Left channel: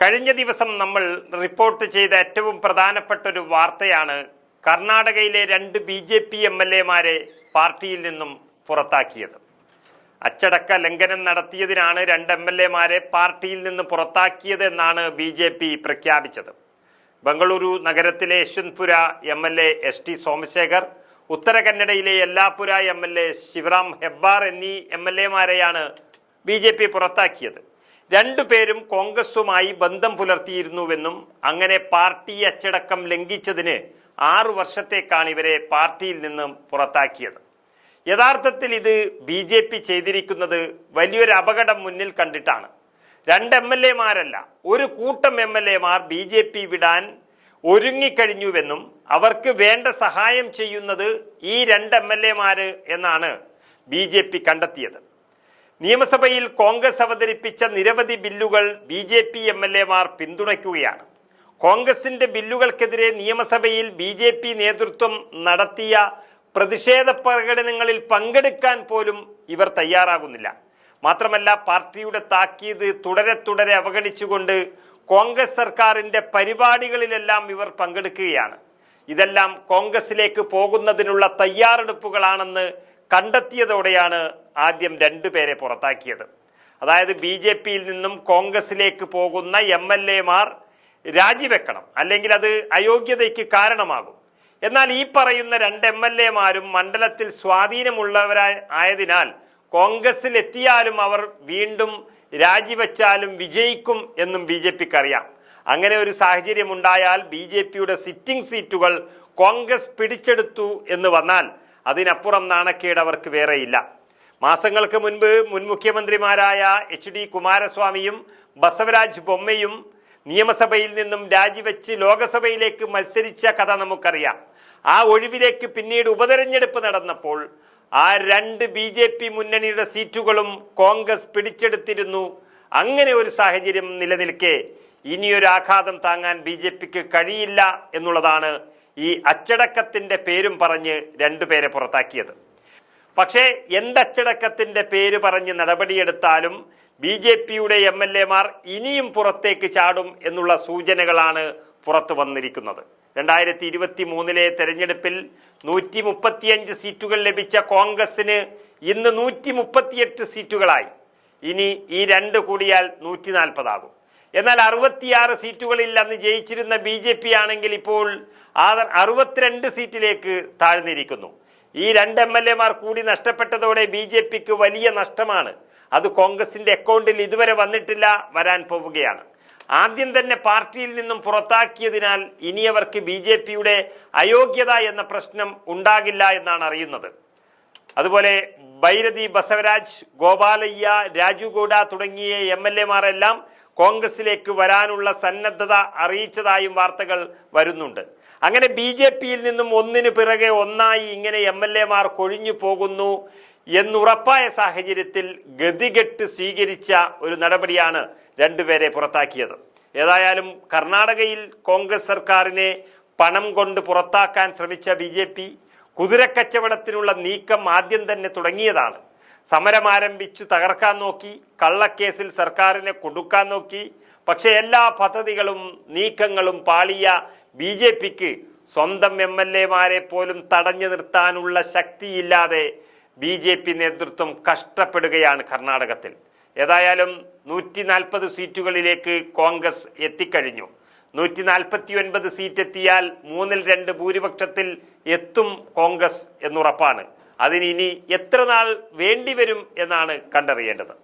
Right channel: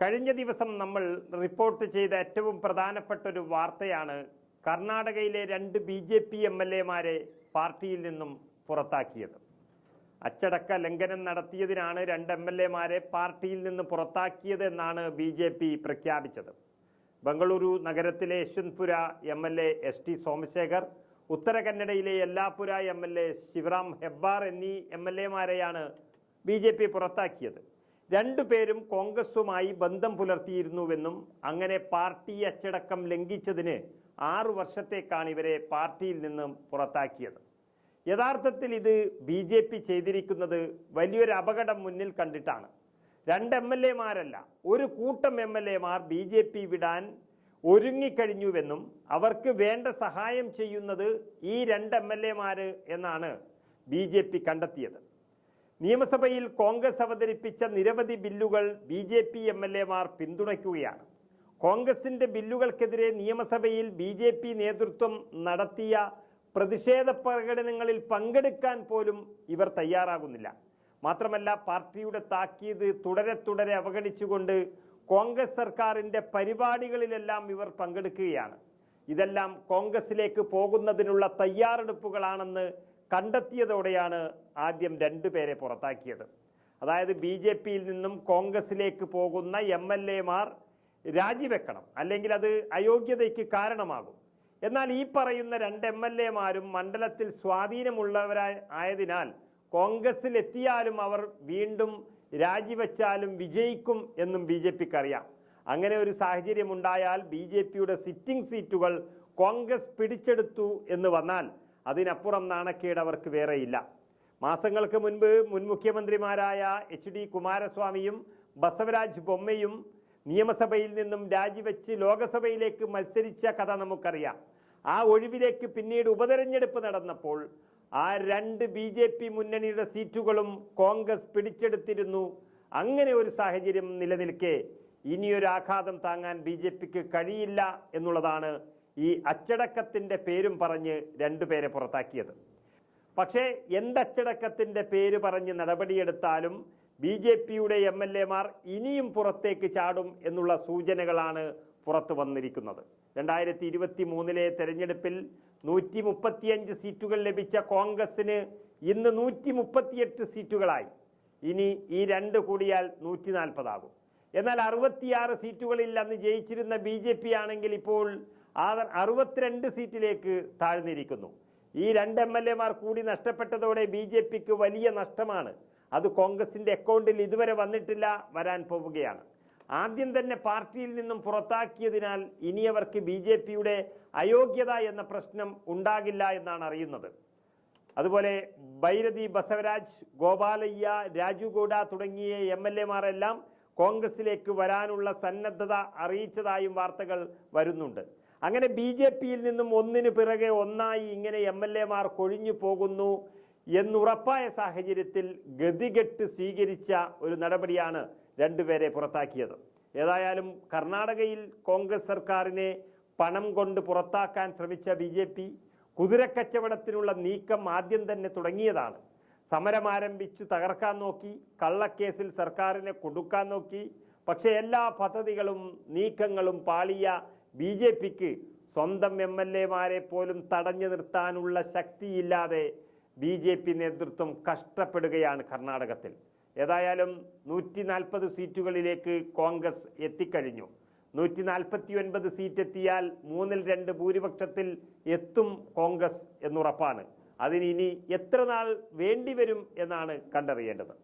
കഴിഞ്ഞ ദിവസം നമ്മൾ റിപ്പോർട്ട് ചെയ്ത ഏറ്റവും പ്രധാനപ്പെട്ട ഒരു വാർത്തയാണ് കർണാടകയിലെ രണ്ട് B J P M L എമാരെ പാർട്ടിയിൽ നിന്നും പുറത്താക്കിയത്. അച്ചടക്ക ലംഘനം നടത്തിയതിനാണ് രണ്ട് എം എൽ എമാരെ പാർട്ടിയിൽ നിന്ന് പുറത്താക്കിയത് എന്നാണ് ബി ജെ പി പ്രഖ്യാപിച്ചത്. ബംഗളൂരു നഗരത്തിലെ Yeshwantpura M L A S T Somashekar Uttara കന്നഡയിലെ Yellapura M L A Shivaram Hebbar എന്നീ എം എൽ എമാരെയാണ് ബി ജെ പി പുറത്താക്കിയത്. രണ്ടുപേരും കോൺഗ്രസുമായി ബന്ധം പുലർത്തിയിരുന്നുവെന്നും അങ്ങനെ പാർട്ടി അച്ചടക്കം ലംഘിച്ചതിന് ആറു വർഷത്തേക്കാണ് ഇവരെ പാർട്ടിയിൽ നിന്നും പുറത്താക്കിയത്. യഥാർത്ഥത്തിൽ ഇത് ബി ജെ പി ചെയ്തിരിക്കുന്നത് വലിയൊരു അപകടം മുന്നിൽ കണ്ടിട്ടാണ്. രണ്ട് എം എൽ എമാരല്ല ഒരു കൂട്ടം എം എൽ എമാർ ബി ജെ പി വിടാൻ ഒരുങ്ങിക്കഴിഞ്ഞുവെന്നും അവർക്ക് വേണ്ട സഹായം ചെയ്യുന്നത് ഈ രണ്ട് എം എൽ എമാര് എന്നാണ് ബി ജെ പി കണ്ടെത്തിയത്. നിയമസഭയിൽ കോൺഗ്രസ് അവതരിപ്പിച്ച നിരവധി ബില്ലുകൾ B J P M L എമാർ പിന്തുണയ്ക്കുകയാണ്. കോൺഗ്രസിന്റെ ബില്ലുകൾക്കെതിരെ നിയമസഭയിൽ ബി ജെ പി നേതൃത്വം നടത്തിയ പ്രതിഷേധ പ്രകടനങ്ങളിൽ പങ്കെടുക്കാൻ പോലും ഇവർ തയ്യാറാകുന്നില്ല. മാത്രമല്ല പാർട്ടിയുടെ താക്കീത് തുടരെ തുടരെ അവഗണിച്ചുകൊണ്ട് കോൺഗ്രസ് സർക്കാരിന്റെ പരിപാടികളിലെല്ലാം ഇവർ പങ്കെടുക്കുകയാണ്. ഇതെല്ലാം കോൺഗ്രസിലേക്ക് പോകുന്നതിനുള്ള തയ്യാറെടുപ്പുകളാണെന്ന് കണ്ടെത്തിയതോടെയാണ് ആദ്യം രണ്ടു പേരെ പുറത്താക്കിയത്. അതായത് ബി ജെ പിയിൽ നിന്നും കോൺഗ്രസിലേക്ക് പോകുന്ന എം എൽ എമാർ രാജിവെക്കണം. അല്ലെങ്കിൽ അത് അയോഗ്യതയ്ക്ക് കാരണമാകും. എന്നാൽ ഈ പറയുന്ന രണ്ട് എം എൽ എമാരും മണ്ഡലത്തിൽ സ്വാധീനമുള്ളവരായ ആയതിനാൽ കോൺഗ്രസിൽ എത്തിയാലും അവർ വീണ്ടും രാജിവെച്ചാലും വിജയിക്കും എന്നും ബി ജെ പിക്ക് അറിയാം. അങ്ങനെ ഒരു സാഹചര്യം ഉണ്ടായാൽ ബി ജെ പിയുടെ സിറ്റിംഗ് സീറ്റുകൾ കോൺഗ്രസ് പിടിച്ചെടുത്തു എന്ന് വന്നാൽ അതിനപ്പുറം നാണക്കേട് അവർക്ക് വേറെയില്ല. മാസങ്ങൾക്ക് മുൻപ് മുൻ മുഖ്യമന്ത്രിമാരായ എച്ച് ഡി കുമാരസ്വാമിയും ബസവരാജ് ബൊമ്മയും നിയമസഭയിൽ നിന്നും രാജിവെച്ച് ലോകസഭയിലേക്ക് മത്സരിച്ച കഥ നമുക്കറിയാം. ആ ഒഴിവിലേക്ക് പിന്നീട് ഉപതെരഞ്ഞെടുപ്പ് നടന്നപ്പോൾ ആ രണ്ട് ബി ജെ പി മുന്നണിയുടെ സീറ്റുകളും കോൺഗ്രസ് പിടിച്ചെടുത്തിരുന്നു. അങ്ങനെ ഒരു സാഹചര്യം നിലനിൽക്കെ. ഇനിയൊരു ആഘാതം താങ്ങാൻ ബി ജെ പിക്ക് കഴിയില്ല എന്നുള്ളതാണ് ഈ അച്ചടക്കത്തിന്റെ പേരും പറഞ്ഞ് രണ്ടുപേരെ പുറത്താക്കിയത്. പക്ഷേ എന്തച്ചടക്കത്തിന്റെ പേര് പറഞ്ഞ് നടപടിയെടുത്താലും ബി ജെ പിയുടെ എം എൽ എമാർ ഇനിയും പുറത്തേക്ക് ചാടും എന്നുള്ള സൂചനകളാണ് പുറത്തു വന്നിരിക്കുന്നത്. രണ്ടായിരത്തി ഇരുപത്തി മൂന്നിലെ തെരഞ്ഞെടുപ്പിൽ നൂറ്റി മുപ്പത്തിയഞ്ച് സീറ്റുകൾ ലഭിച്ച കോൺഗ്രസിന് ഇന്ന് നൂറ്റി മുപ്പത്തിയെട്ട് സീറ്റുകളായി. ഇനി ഈ രണ്ട് കൂടിയാൽ നൂറ്റി നാൽപ്പതാകും എന്നാൽ അറുപത്തിയാറ് സീറ്റുകളിൽ അന്ന് ജയിച്ചിരുന്ന ബി ജെ പി ആണെങ്കിൽ ഇപ്പോൾ അറുപത്തിരണ്ട് സീറ്റിലേക്ക് താഴ്ന്നിരിക്കുന്നു. ഈ രണ്ട് എം എൽ എമാർ കൂടി നഷ്ടപ്പെട്ടതോടെ ബി ജെ പിക്ക് വലിയ നഷ്ടമാണ്. അത് കോൺഗ്രസിന്റെ അക്കൗണ്ടിൽ ഇതുവരെ വന്നിട്ടില്ല വരാൻ പോവുകയാണ്. ആദ്യം തന്നെ പാർട്ടിയിൽ നിന്നും പുറത്താക്കിയതിനാൽ ഇനി അവർക്ക് ബി ജെ പിയുടെ അയോഗ്യത എന്ന പ്രശ്നം ഉണ്ടാകില്ല എന്നാണ് അറിയുന്നത്. അതുപോലെ ഭൈരതി ബസവരാജ് ഗോപാലയ്യ രാജു ഗൌഡ തുടങ്ങിയ എം എൽ എമാരെല്ലാം കോൺഗ്രസിലേക്ക് വരാനുള്ള സന്നദ്ധത അറിയിച്ചതായും വാർത്തകൾ വരുന്നുണ്ട്. അങ്ങനെ ബി ജെ പിയിൽ നിന്നും ഒന്നിനു പിറകെ ഒന്നായി ഇങ്ങനെ എം എൽ എമാർ കൊഴിഞ്ഞു പോകുന്നു എന്നുറപ്പായ സാഹചര്യത്തിൽ ഗതികെട്ട് സ്വീകരിച്ച ഒരു നടപടിയാണ് രണ്ടുപേരെ പുറത്താക്കിയത്. ഏതായാലും കർണാടകയിൽ കോൺഗ്രസ് സർക്കാരിനെ പണം കൊണ്ട് പുറത്താക്കാൻ ശ്രമിച്ച ബി ജെ പി കുതിരക്കച്ചവടത്തിനുള്ള നീക്കം ആദ്യം തന്നെ തുടങ്ങിയതാണ്. സമരം ആരംഭിച്ചു തകർക്കാൻ നോക്കി കള്ളക്കേസിൽ സർക്കാരിനെ കൊടുക്കാൻ നോക്കി. പക്ഷേ എല്ലാ പദ്ധതികളും നീക്കങ്ങളും പാളിയ ബി ജെ പിക്ക് സ്വന്തം എം എൽ എമാരെ പോലും തടഞ്ഞു നിർത്താനുള്ള ശക്തിയില്ലാതെ ബി ജെ പി നേതൃത്വം കഷ്ടപ്പെടുകയാണ് കർണാടകത്തിൽ. ഏതായാലും നൂറ്റി നാൽപ്പത് സീറ്റുകളിലേക്ക് കോൺഗ്രസ് എത്തിക്കഴിഞ്ഞു. നൂറ്റി നാൽപ്പത്തി ഒൻപത് സീറ്റ് എത്തിയാൽ മൂന്നിൽ രണ്ട് ഭൂരിപക്ഷത്തിൽ എത്തും കോൺഗ്രസ് എന്നുറപ്പാണ്. അതിന് എത്ര നാൾ വേണ്ടിവരും എന്നാണ് കണ്ടറിയേണ്ടത്.